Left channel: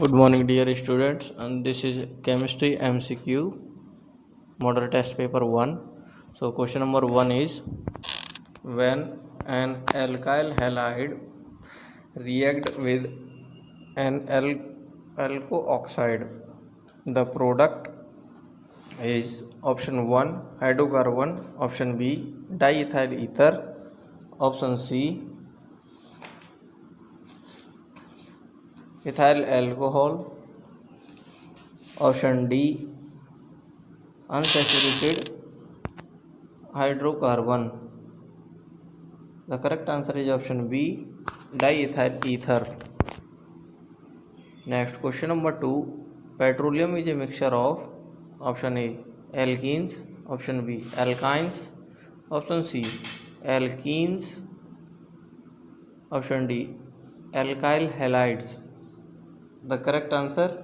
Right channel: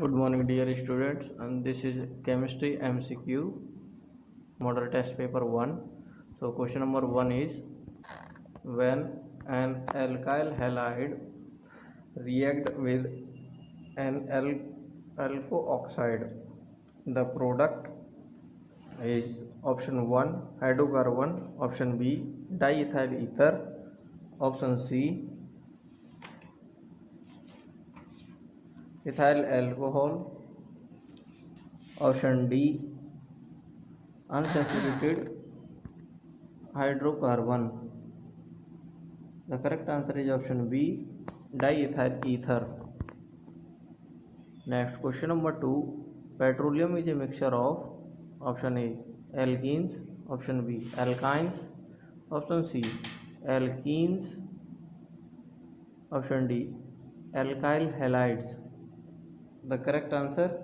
Good morning, dear students, and this is chemistry MCQ model test paper 1. So, question number 1 is when an alkyl halide react with an alco oxide, the product is option 1 hydrocarbon, option B diethyl ether, option C ethyl alcohol, option D unsaturated hydrocarbon. The correct answer is option B diethyl ether. Next, question number 2. Petroleum is a mixture of option A alkenes, option B alkynes, option C alkenes, option D alkyl halides. The correct answer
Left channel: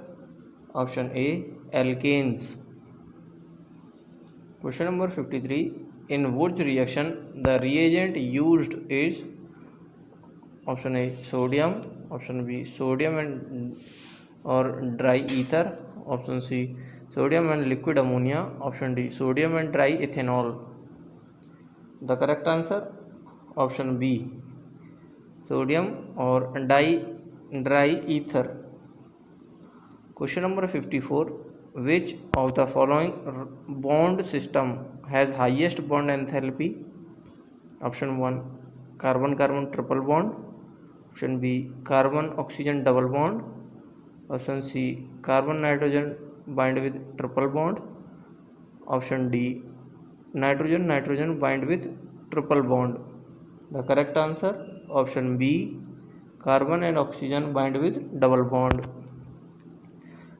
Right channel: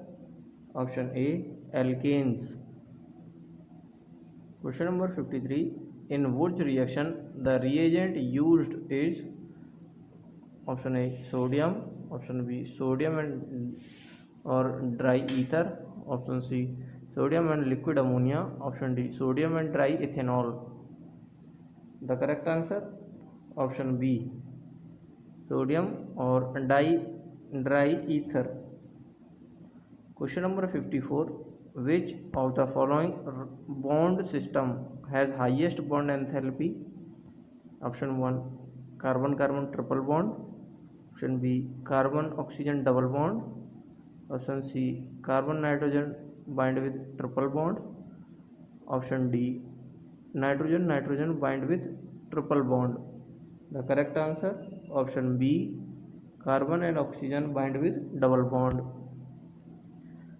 option A alkanes. Question number 53. In Wurtz reaction, the reagent used is option A sodium, option B sodium and or dry ether, option C sodium and liquid ammonia, option D sodium and dry ethanol. The correct answer option B sodium or dry ether. Question number 54. Which of the following bond system has highest bond enthalpy? Option 1 carbon carbon triple bond, option B carbon oxygen double bond, option C carbon nitrogen bind with triple bond, option D nitrogen nitrogen bind with triple bond. The correct answer option B carbon and oxygen bind with double bond.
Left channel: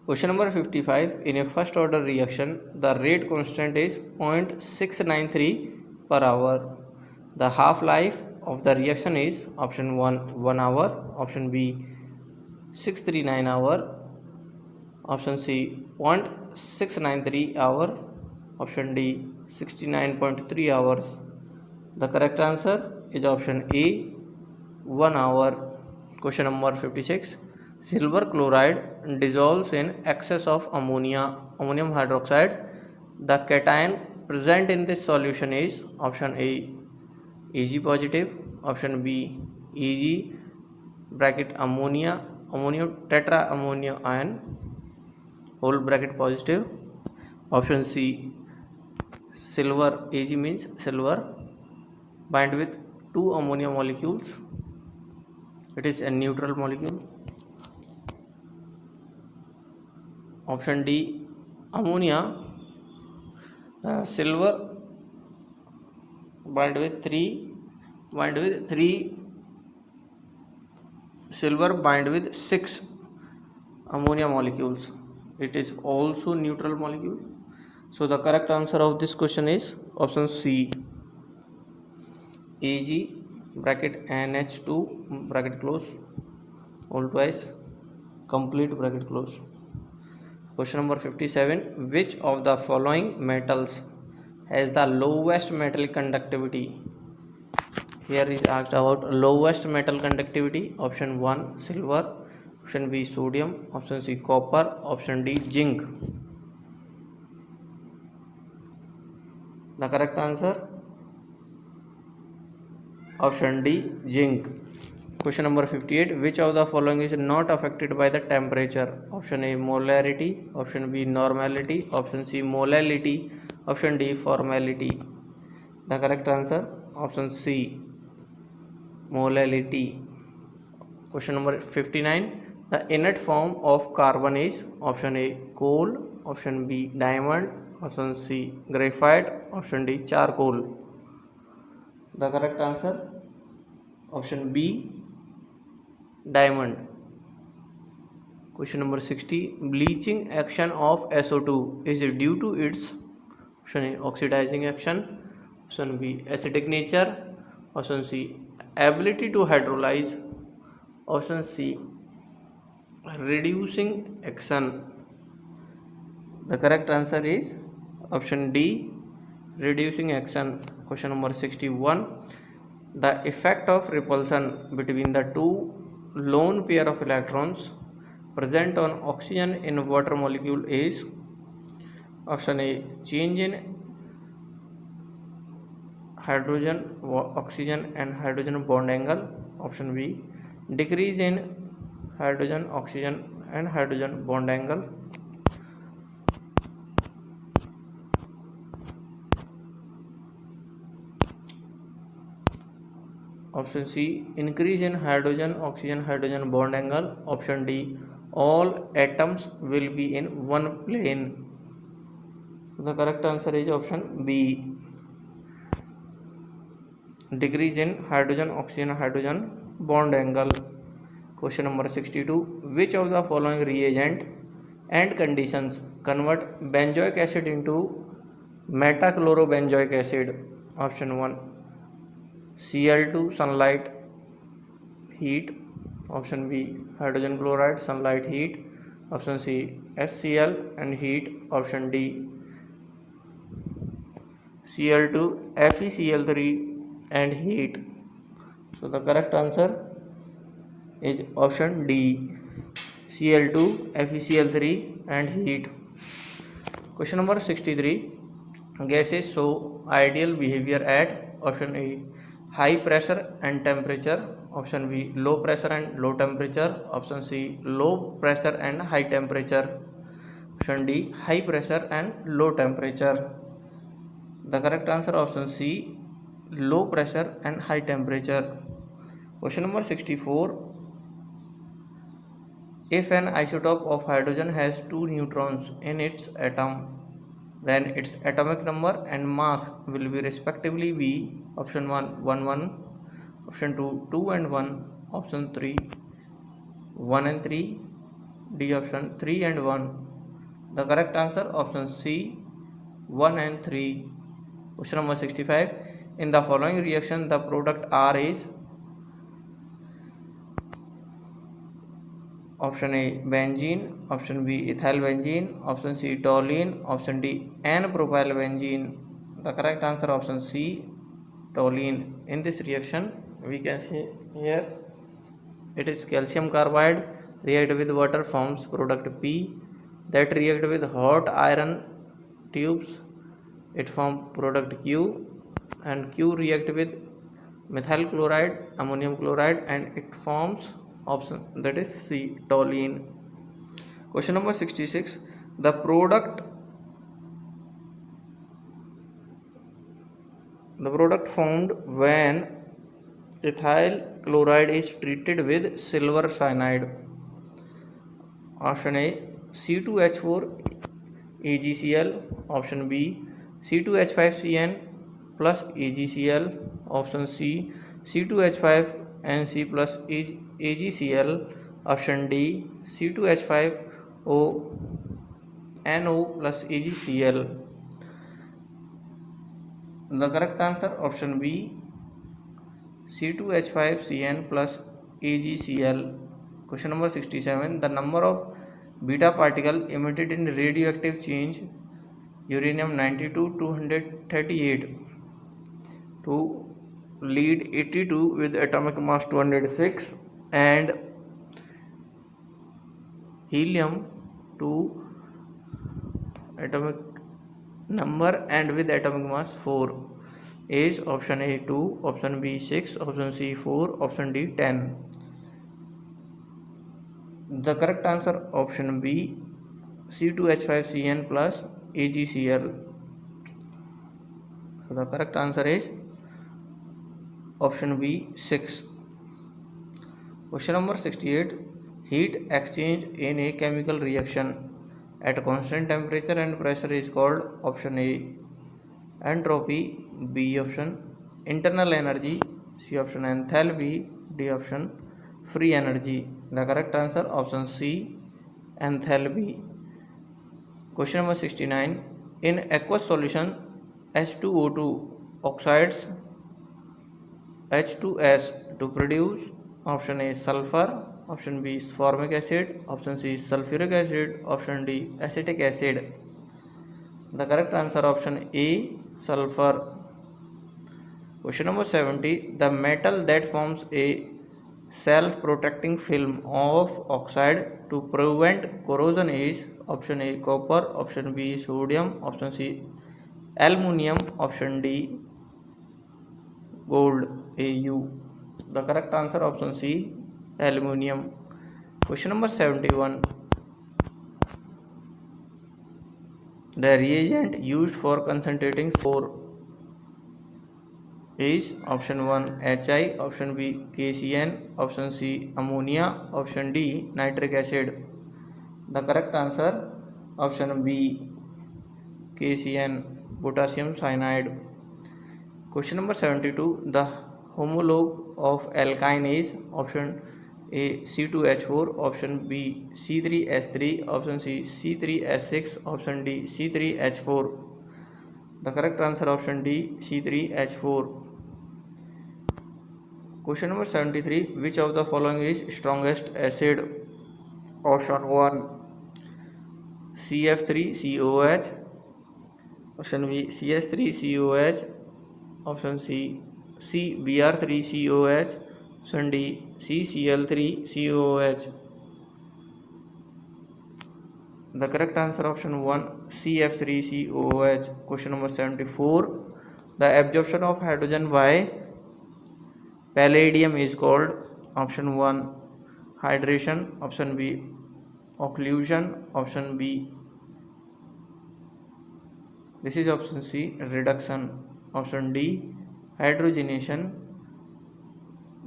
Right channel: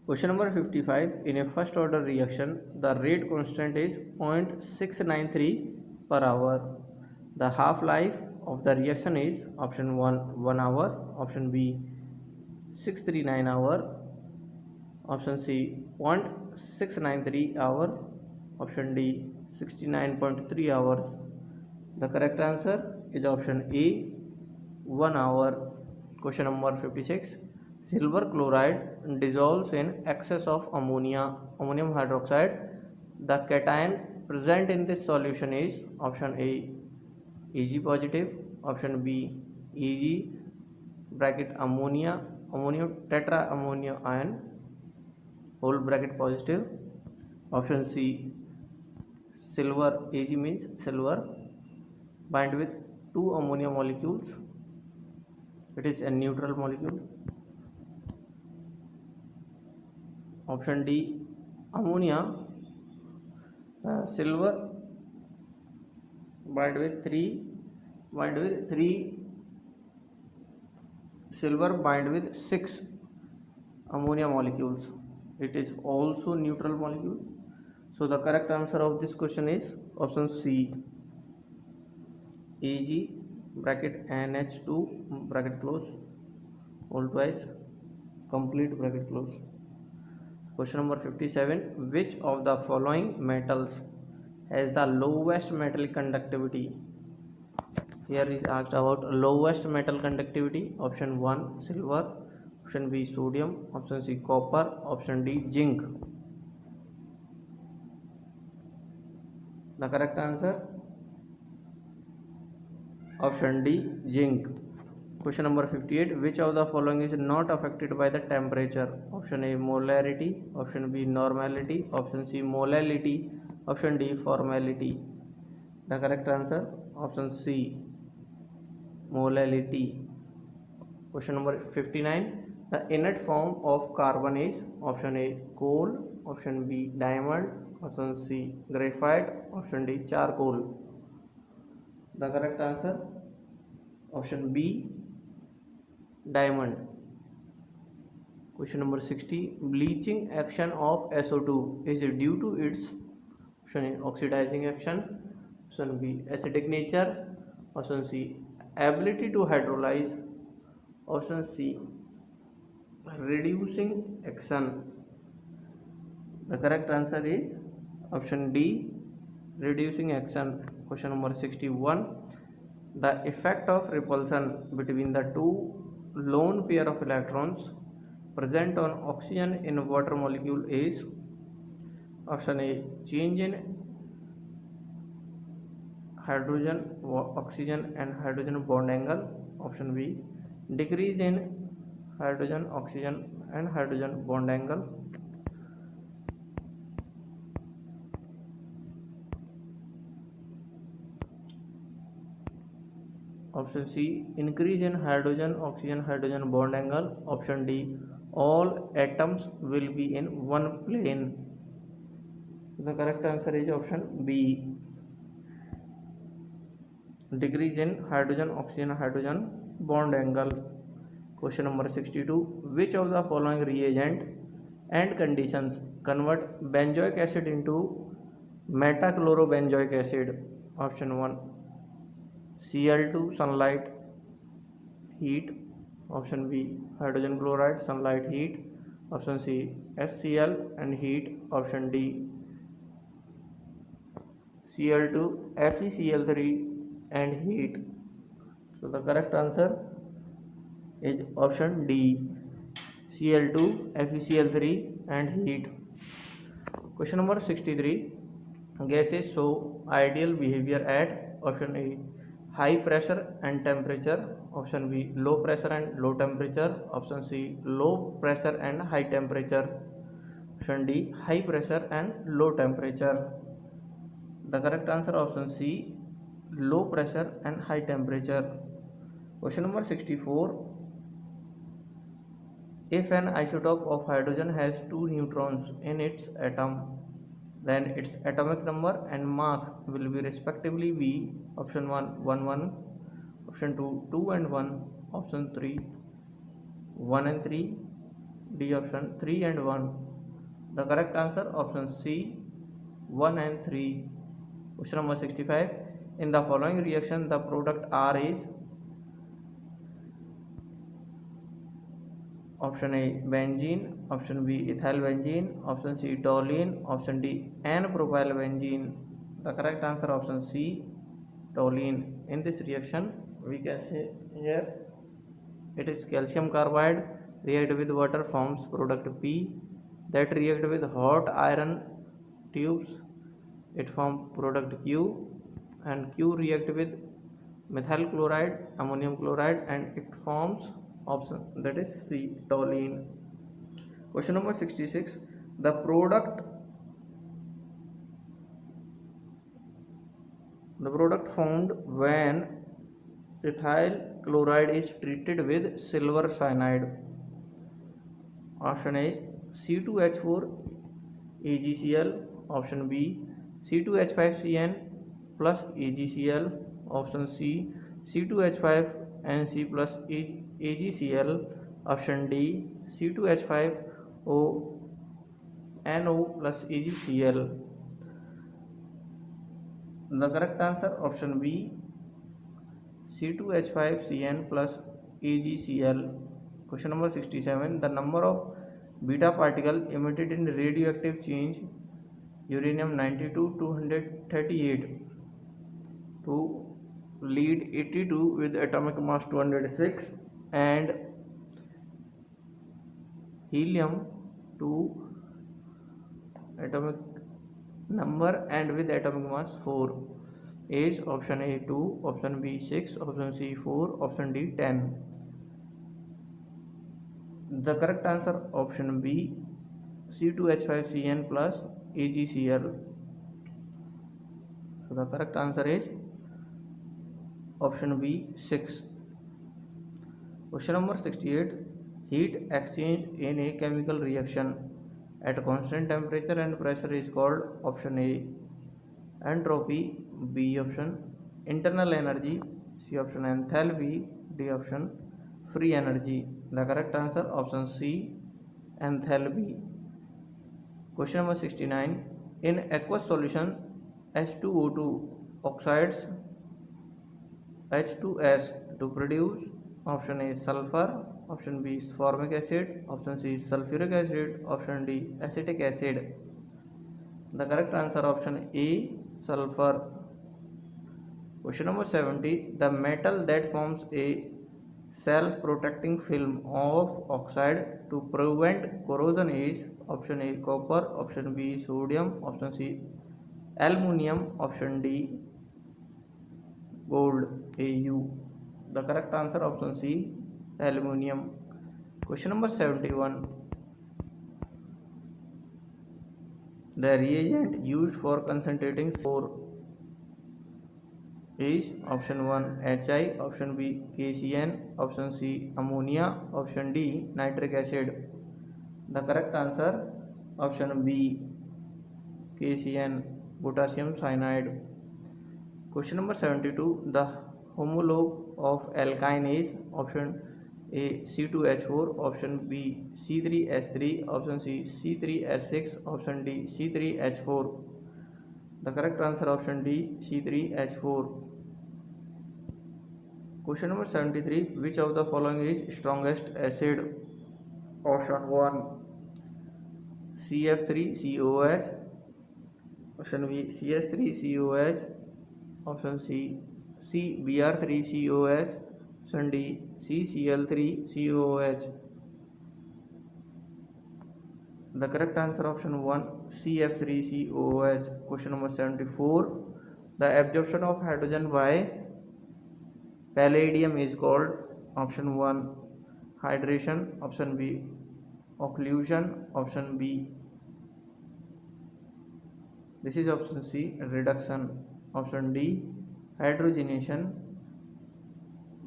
Question number 55. In a first order reaction, the rate constant is 0.693 per hour. The half life of the reaction is option 1 hour, option B 639 hour, option C 0.693 hour, option D 69.3 hours. The correct answer is option A 1 hour. Question number 56. Silver chloride dissolves in excess of ammonium hydroxide. The cation present in this solution is option A Ag positive, option B Eg bracket ammonium tetra ammonia ion whole bracket positive, option C silver Ag means silver bind with two ammonia molecules, it is a neutral molecule, option D ammonia silver bind with three silver bind with 6 ammonia molecules, it is also neutral molecule. So the correct answer of this question is option C Ag bracket NH2 bracket close all twice complete bracket close. Question number 57. Which of the following metals has the lowest metal conductivity? Here is asked about lowest metal conductivity. Option 1 silver, option B sodium, option C copper, option D zinc. The correct answer option D zinc. Question number 58. Which of the following is not affected by the temperature? Option A molarity, option B normality, option C molality, option D formality. The correct answer option C molality. Question number 59. The inert form of carbon is option A coal, option B diamond, option C graphite, option D charcoal. The correct answer option B diamond. Question number 60. Bleaching action of SO2 is due to its option A oxidizing action, option B acidic nature, option C ability to hydrolyze, option C reducing action. The correct answer is option D reducing action. Question number 61. The effect of repulsion between the two lone pair of electrons present on oxygen in water molecule is option A change in hydrogen oxygen and hydrogen bond angle, option B decrease in hydrogen oxygen and hydrogen bond angle, option C increase in hydrogen oxygen hydrogen bond angle, option D all atoms will be in one plane. The correct answer is option B decrease in hydrogen oxygen hydrogen bond angle. Question number 62. Which of the following reagent and conditions convert benzoic acid into metachlorobenzoic acid? Option 1 Cl2 sunlight heat, option B hydrogen chloride sunlight heat, option C HCl and heat, option D Cl2 FeCl3 and heat. So the correct answer is option D Cl2 FeCl3 and heat. Question number 63. Gases show ideal behavior at option A high pressure and temperature, option B low pressure and low temperature, option C low pressure and high temperature, option D high pressure and low temperature. The correct answer option C low pressure and high temperature. Question number 64. If an isotope of hydrogen has two neutrons in its atom, then its atomic number and mass will be respectively be option 1 1 1, option 2 2 and 1, option 3 1 and 3, D option 3 and 1. The correct answer option C 1 and 3. Question number 65. In the following reaction the product R is option A benzene, option B ethyl benzene, option C toluene, option D N-propyl benzene. The correct answer option C toluene. In this reaction we can see here it is calcium carbide react with water forms product P, that react with hot iron tubes it form product Q, and Q react with methyl chloride ammonium chloride and it forms option that is C toluene. Question number 66. The product formed when ethyl chloride is treated with silver cyanide, option A C2H4 AgCl, option B C2H5Cn plus AgCl, option C C2H5NC plus AgCl, option D C2H5O NO plus AgCl. The correct answer option B C2H5Cn plus AgCl. Question number 67. The number of beta particle emitted in radioactive change uranium 92 238 to lead 82 with atomic mass 206 and helium 2 atomic number and with atomic mass 4 is option A 2, option B 6, option C 4, option D 10. The correct answer option B C2H5Cn plus AgCl. So the correct answer is option B 6. Question number 68. Heat exchange in a chemical reaction at constant temperature and pressure is called option A entropy, B option internal energy, C option enthalpy, D option free energy. The correct answer option C enthalpy. Question number 69. In aqueous solution H2O2 oxides H2S to produce option A sulfur, option B formic acid, option C sulfuric acid, option D acetic acid. The correct answer option A sulfur. Question number 70. The metal that forms a self-protecting film of oxide to prevent corrosion is option A copper, option B sodium, option C aluminum, option D gold AU. The correct answer option C aluminum. Question number 71. The reagent used for concentrating C4 is option 1 Hi, option B KCN, option C ammonia, option D nitric acid. The correct answer option B KCN, potassium cyanide. Question number 72. The homologue of alkyne is option A C2H4, option B C3H3, option C C3H6, option D C3H4. The correct answer option D C3H4. Question number 73. Which of the following is strongest acid? Option 1 CF3COH, option B CH3COH, option C CBr3COH, option D CCl3COH. The correct answer option 1 CF3COH. Question number 74. The absorption of hydrogen by palladium is called option 1 hydration, option B occlusion, option B, this is option C reduction, option D hydrogenation.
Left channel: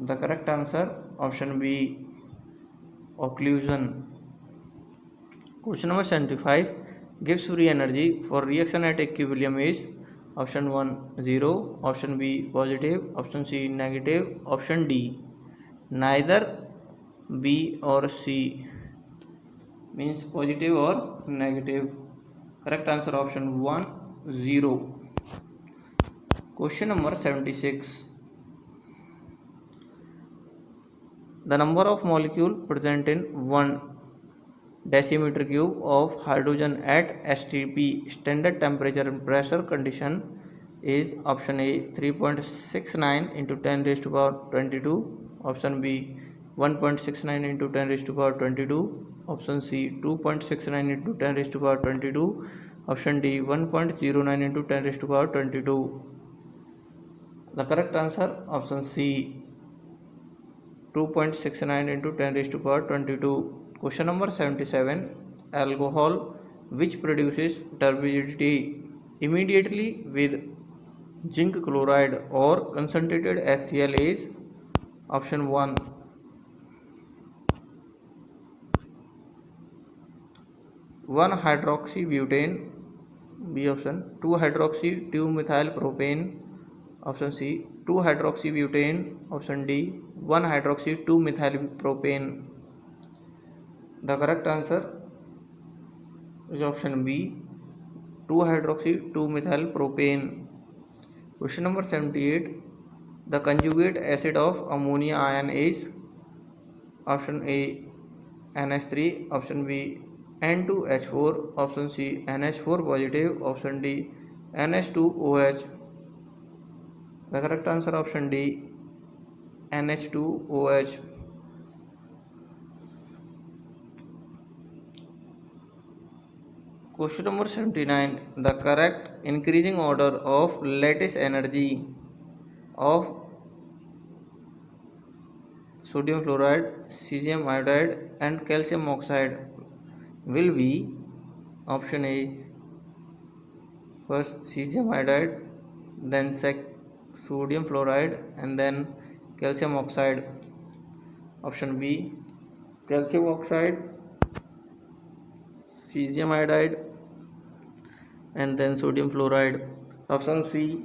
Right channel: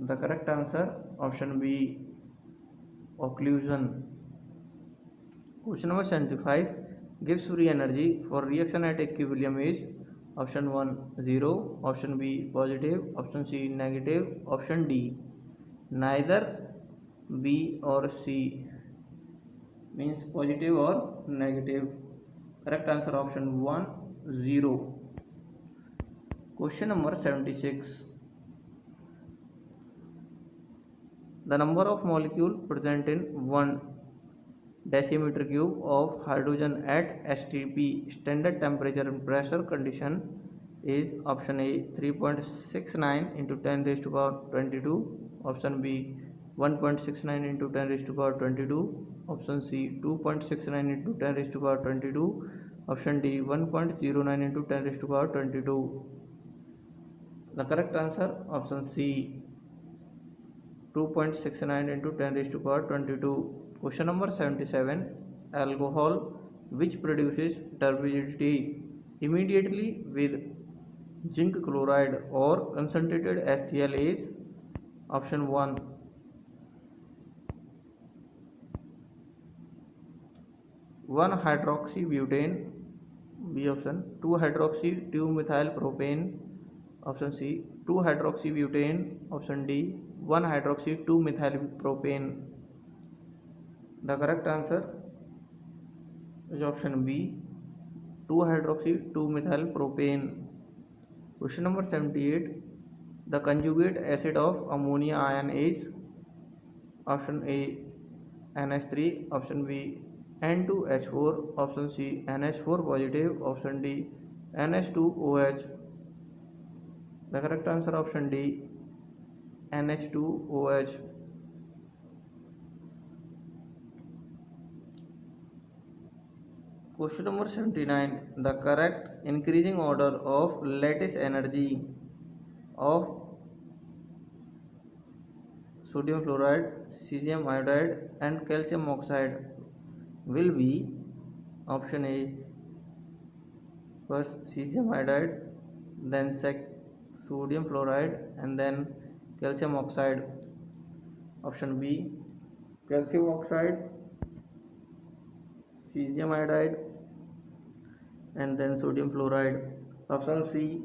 The correct answer option B occlusion. Question number 75. Gives free energy for reaction at equilibrium is option 1 0, option B positive, option C negative, option D neither B or C, means positive or negative. Correct answer option 1 0. Question number 76. The number of molecules present in 1 decimeter cube of hydrogen at STP standard temperature and pressure condition is option A 3.69 into 10 raised to power 22, option B 1.69 into 10 raised to power 22, option C 2.69 into 10 raised to power 22, option D 1.09 into 10 raised to power 22. The correct answer option C 2.69 into 10 raised to power 22. Question number 77. Alcohol which produces turbidity immediately with zinc chloride or concentrated HCl is option 1 1 hydroxybutane, B option 2 hydroxy 2 methyl propane, option C 2 hydroxybutane, option D 1 hydroxy 2 methyl propane. The correct answer is option B 2 hydroxy 2 methyl propane. Question number 78. The conjugate acid of ammonia ion is option A NH3, option B N2H4, option C NH4 positive, option D NH2OH. The correct answer option D NH2OH. Question number 79. The correct increasing order of lattice energy of sodium fluoride, cesium iodide and calcium oxide will be option A first cesium iodide, then sodium fluoride and then calcium oxide, option B calcium oxide, cesium iodide and then sodium fluoride, option C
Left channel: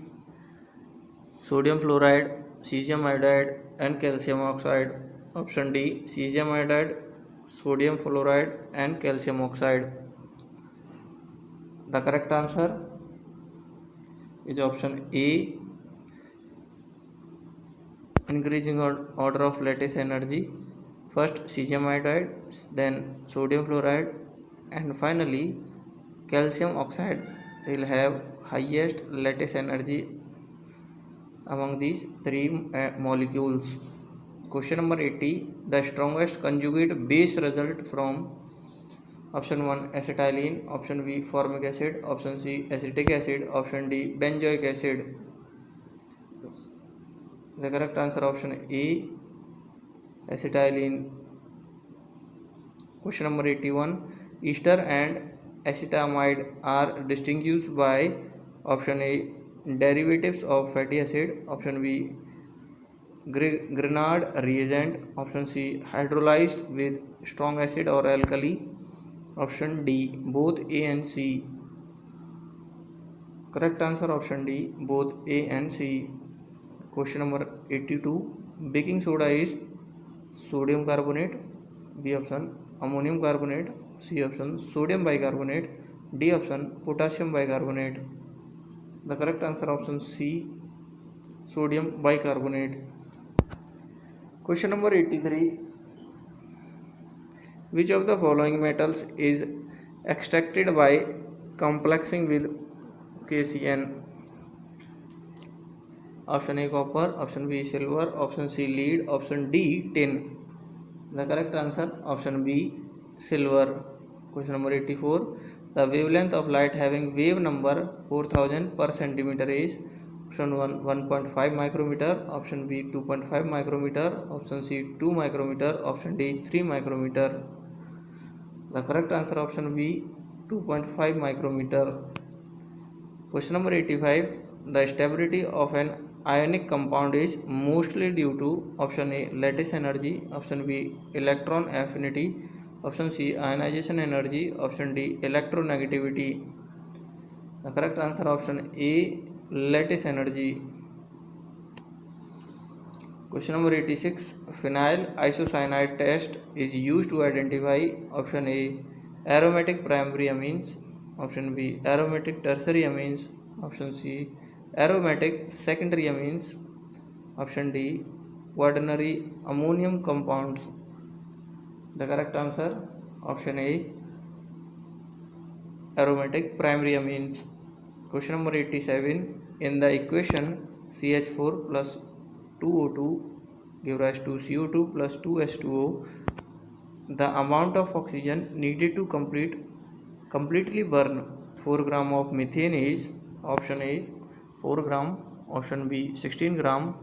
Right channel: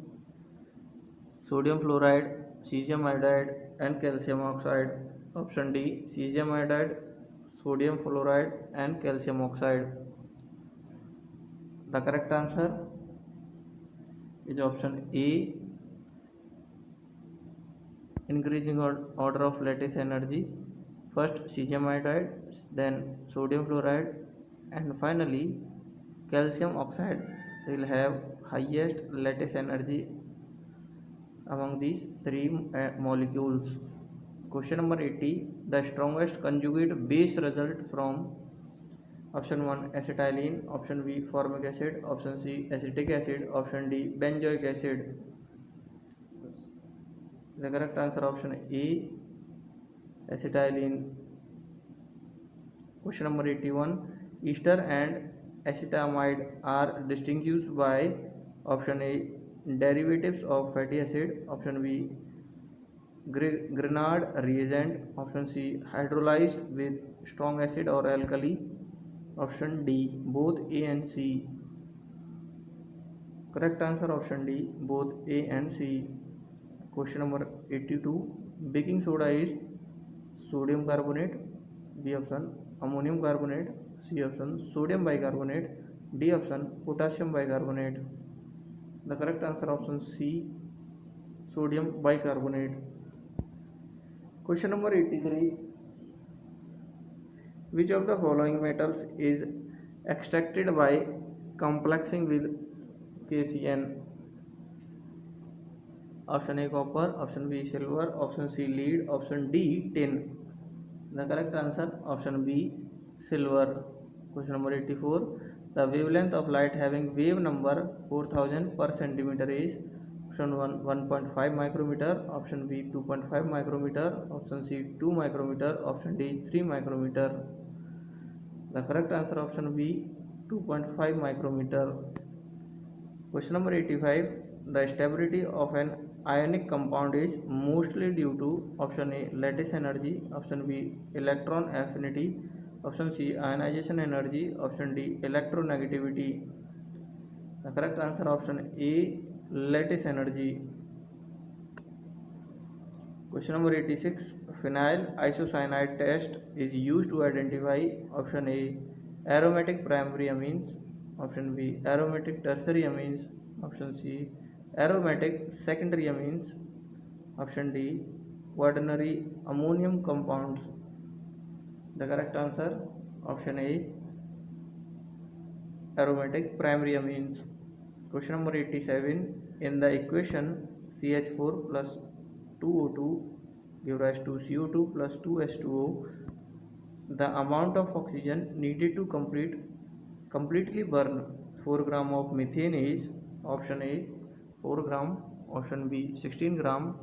sodium fluoride, cesium iodide and calcium oxide, option D cesium iodide, sodium fluoride and calcium oxide. The correct answer is option A increasing order of lattice energy, first cesium iodide, then sodium fluoride and finally calcium oxide will have highest lattice energy among these three molecules. Question number 80. The strongest conjugate base result from option 1 acetylene, option B formic acid, option C acetic acid, option D benzoic acid. The correct answer option A acetylene. Question number 81. Ester and acetamide are distinguished by option A derivatives of fatty acid, option B Grignard reagent, option C hydrolyzed with strong acid or alkali, option D both A and C. Correct answer option D both A and C. Question number 82. Baking soda is sodium carbonate, B option ammonium carbonate, C option sodium bicarbonate, D option potassium bicarbonate. The correct answer option C sodium bicarbonate. Question number 83. Which of the following metals is extracted by complexing with KCN? Option A copper, option B silver, option C lead, option D tin. The correct answer option B silver. Question number 84. The wavelength of light having wave number 4000 per centimeter is option 1 1.5 micrometer, option B 2.5 micrometer, option C 2 micrometer, option D 3 micrometer. The correct answer option B 2.5 micrometer. Question number 85. The stability of an ionic compound is mostly due to option A lattice energy, option B electron affinity, option C ionization energy, option D electronegativity. The correct answer option A lattice energy. Question number 86. Phenyl isocyanide test is used to identify option A aromatic primary amines, option B aromatic tertiary amines, option C aromatic secondary amines, option D quaternary ammonium compounds. The correct answer option A aromatic primary amines. Question number 87. In the equation CH4 plus 2O2 give rise to CO2 plus 2H2O, the amount of oxygen needed to completely burn 4 gram of methane is option A 4 gram, option B 16 gram,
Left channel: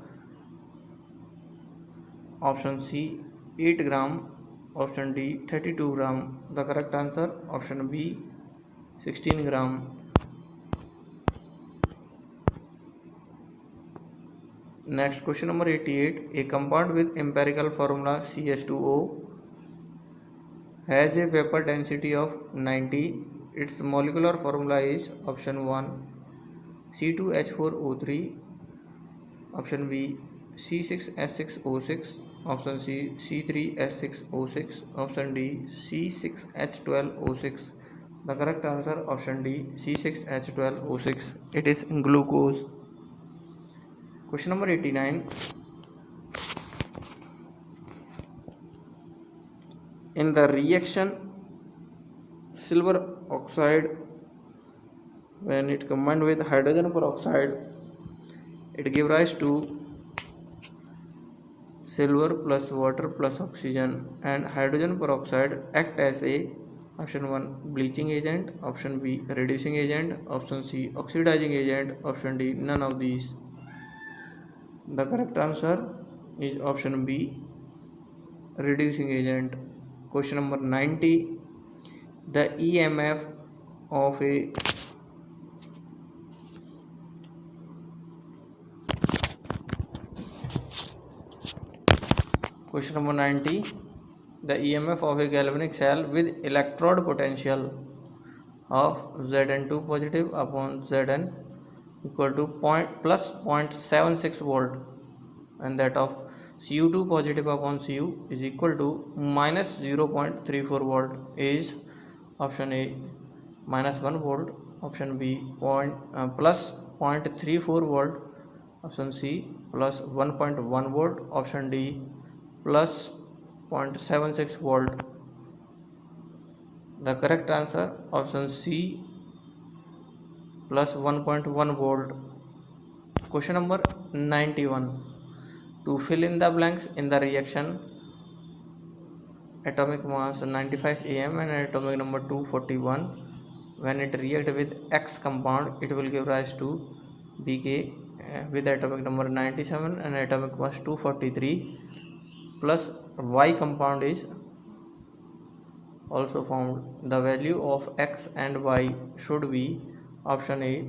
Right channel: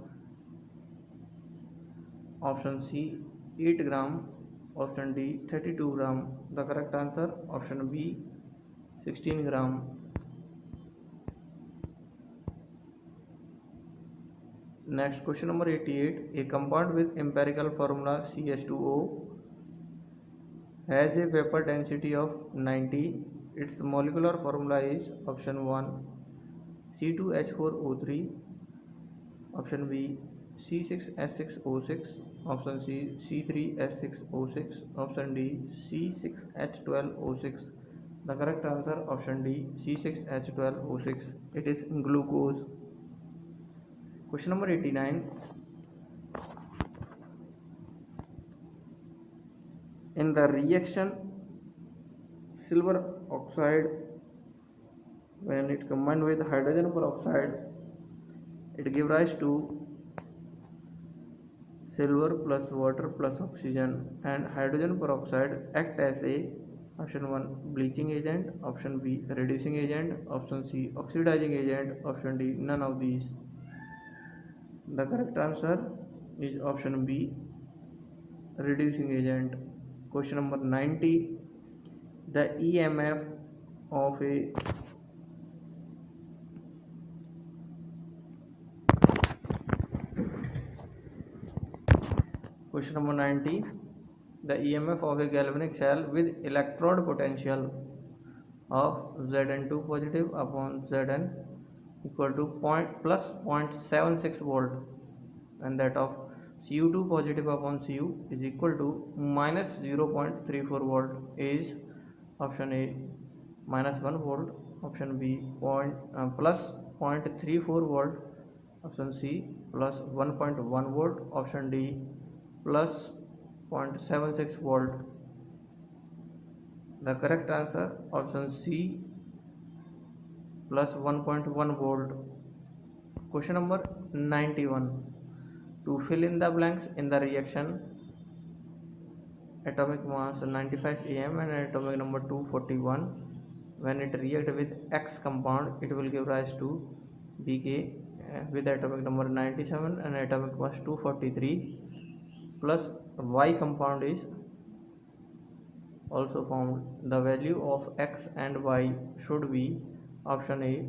option C 8 gram, option D 32 gram. The correct answer option B 16 gram. Next question number 88. A compound with empirical formula CH2O has a vapor density of 90. Its molecular formula is option 1 C2H4O3, option B C6H6O6, option C C3H6O6, option D C6H12O6. The correct answer option D C6H12O6. It is glucose. Question number 89. In the reaction silver oxide, when it combined with hydrogen peroxide, it gives rise to silver plus water plus oxygen, and hydrogen peroxide act as a option 1 bleaching agent, option B reducing agent, option C oxidizing agent, option D none of these. The correct answer is option B reducing agent. Question number 90. The EMF of a Question number 90. The EMF of a galvanic cell with electrode potential of Zn2 positive upon Zn equal to plus 0.76 volt, and that of Cu2 positive upon Cu is equal to minus 0.34 volt is option A minus 1 volt, option B plus 0.34 volt, option C plus 1.1 volt, option D plus 0.76 volt. The correct answer option C plus 1.1 volt. Question number 91. To fill in the blanks in the reaction, atomic mass 95 am and atomic number 241. When it react with X compound, it will give rise to Bk with atomic number 97 and atomic mass 243, plus Y compound is also found. The value of X and Y should be option A,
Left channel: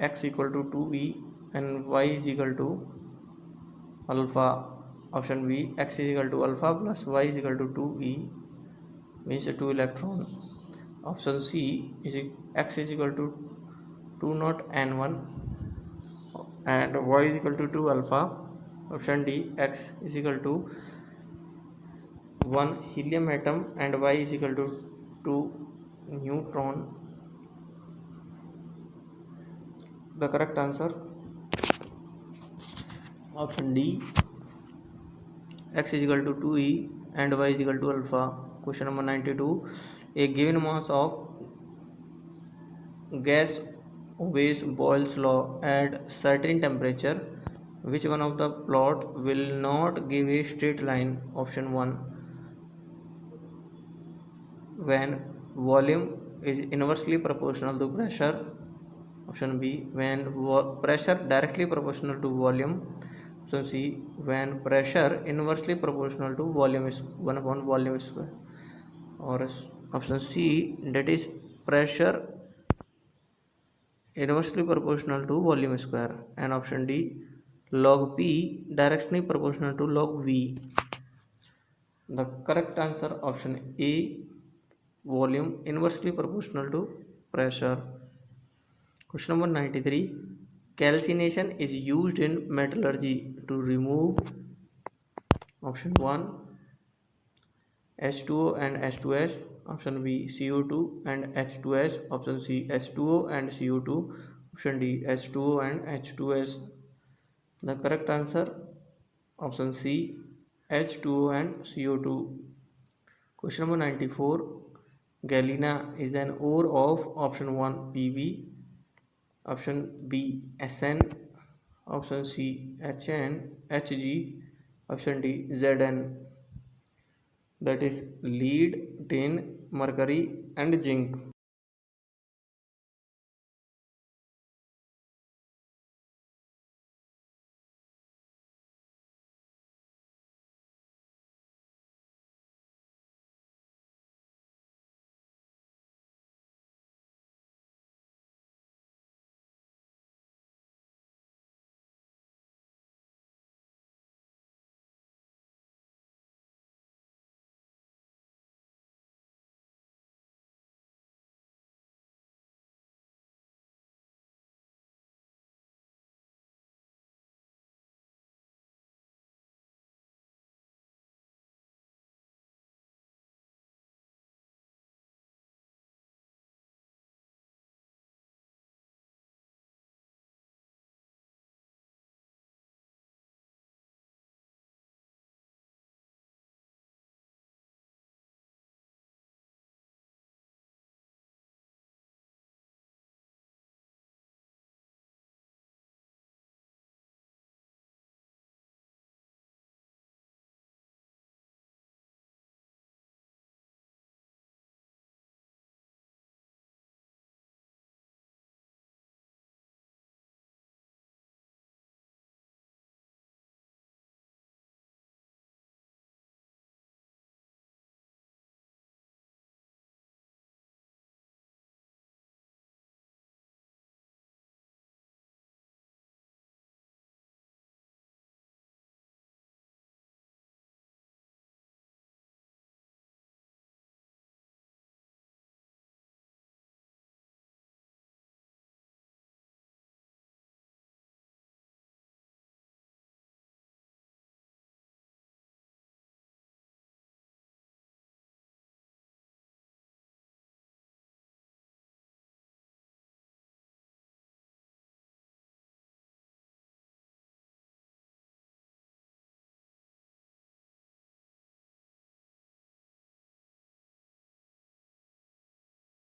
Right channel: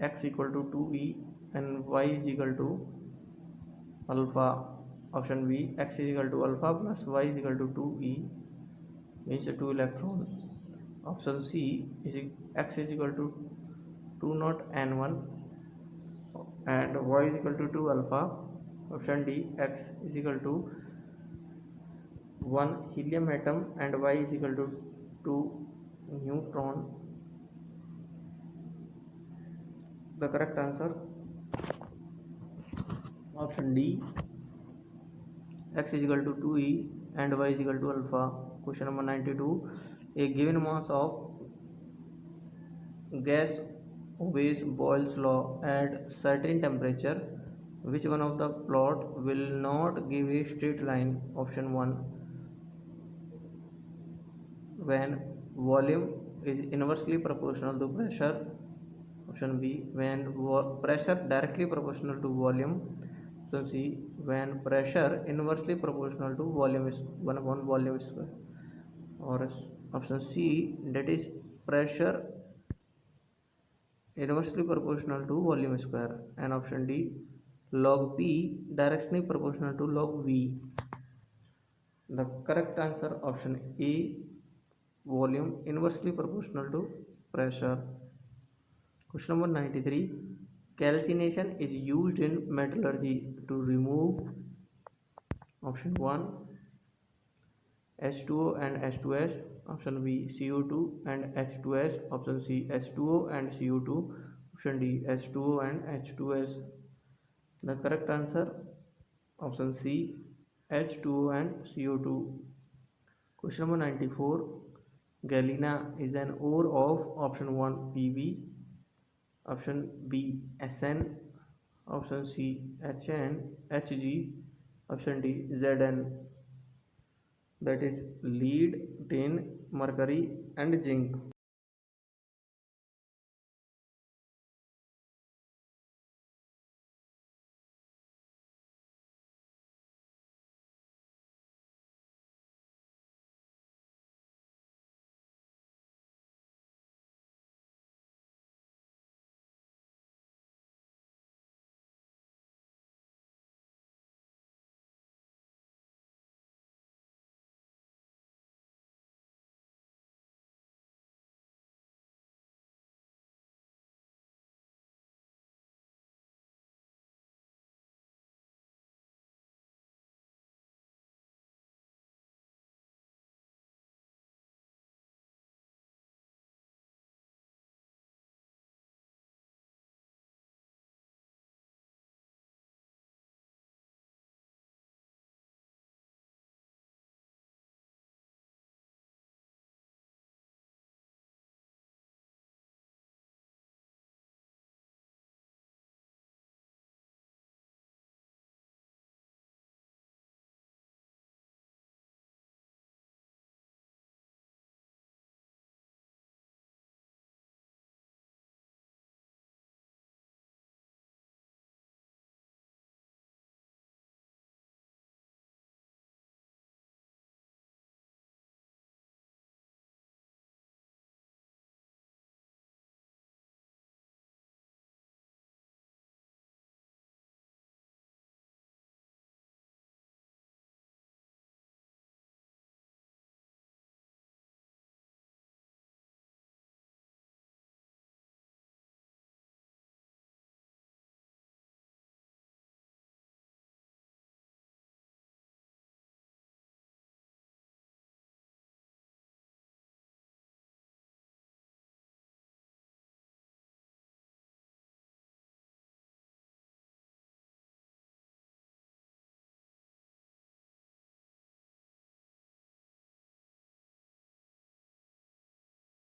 X equal to 2e and Y is equal to alpha. Option B, X is equal to alpha plus Y is equal to 2e, means 2 electron. Option C is X is equal to 2 naught n1 and Y is equal to 2 alpha. Option D, X is equal to 1 helium atom and Y is equal to 2 neutron. The correct answer, option D, X is equal to 2e and Y is equal to alpha. Question number 92. A given mass of gas obeys Boyle's law at certain temperature. Which one of the plot will not give a straight line? Option 1. When volume is inversely proportional to pressure. Option B. When pressure directly proportional to volume. Option C. When pressure inversely proportional to volume is 1 upon volume square. Or option C, that is pressure inversely proportional to volume square. And option D, log P directly proportional to log V. The correct answer, option A, volume inversely proportional to pressure. Question number 93. Calcination is used in metallurgy to remove option 1 H2O and H2S, option B CO2 and H2S, option C H2O and CO2, option D H2O and H2S. The correct answer, option C H2O and CO2. Question number 94. Galena is an ore of option 1 Pb, option B Sn, option C Hn, Hg, option D Zn. That is lead, tin, mercury and zinc.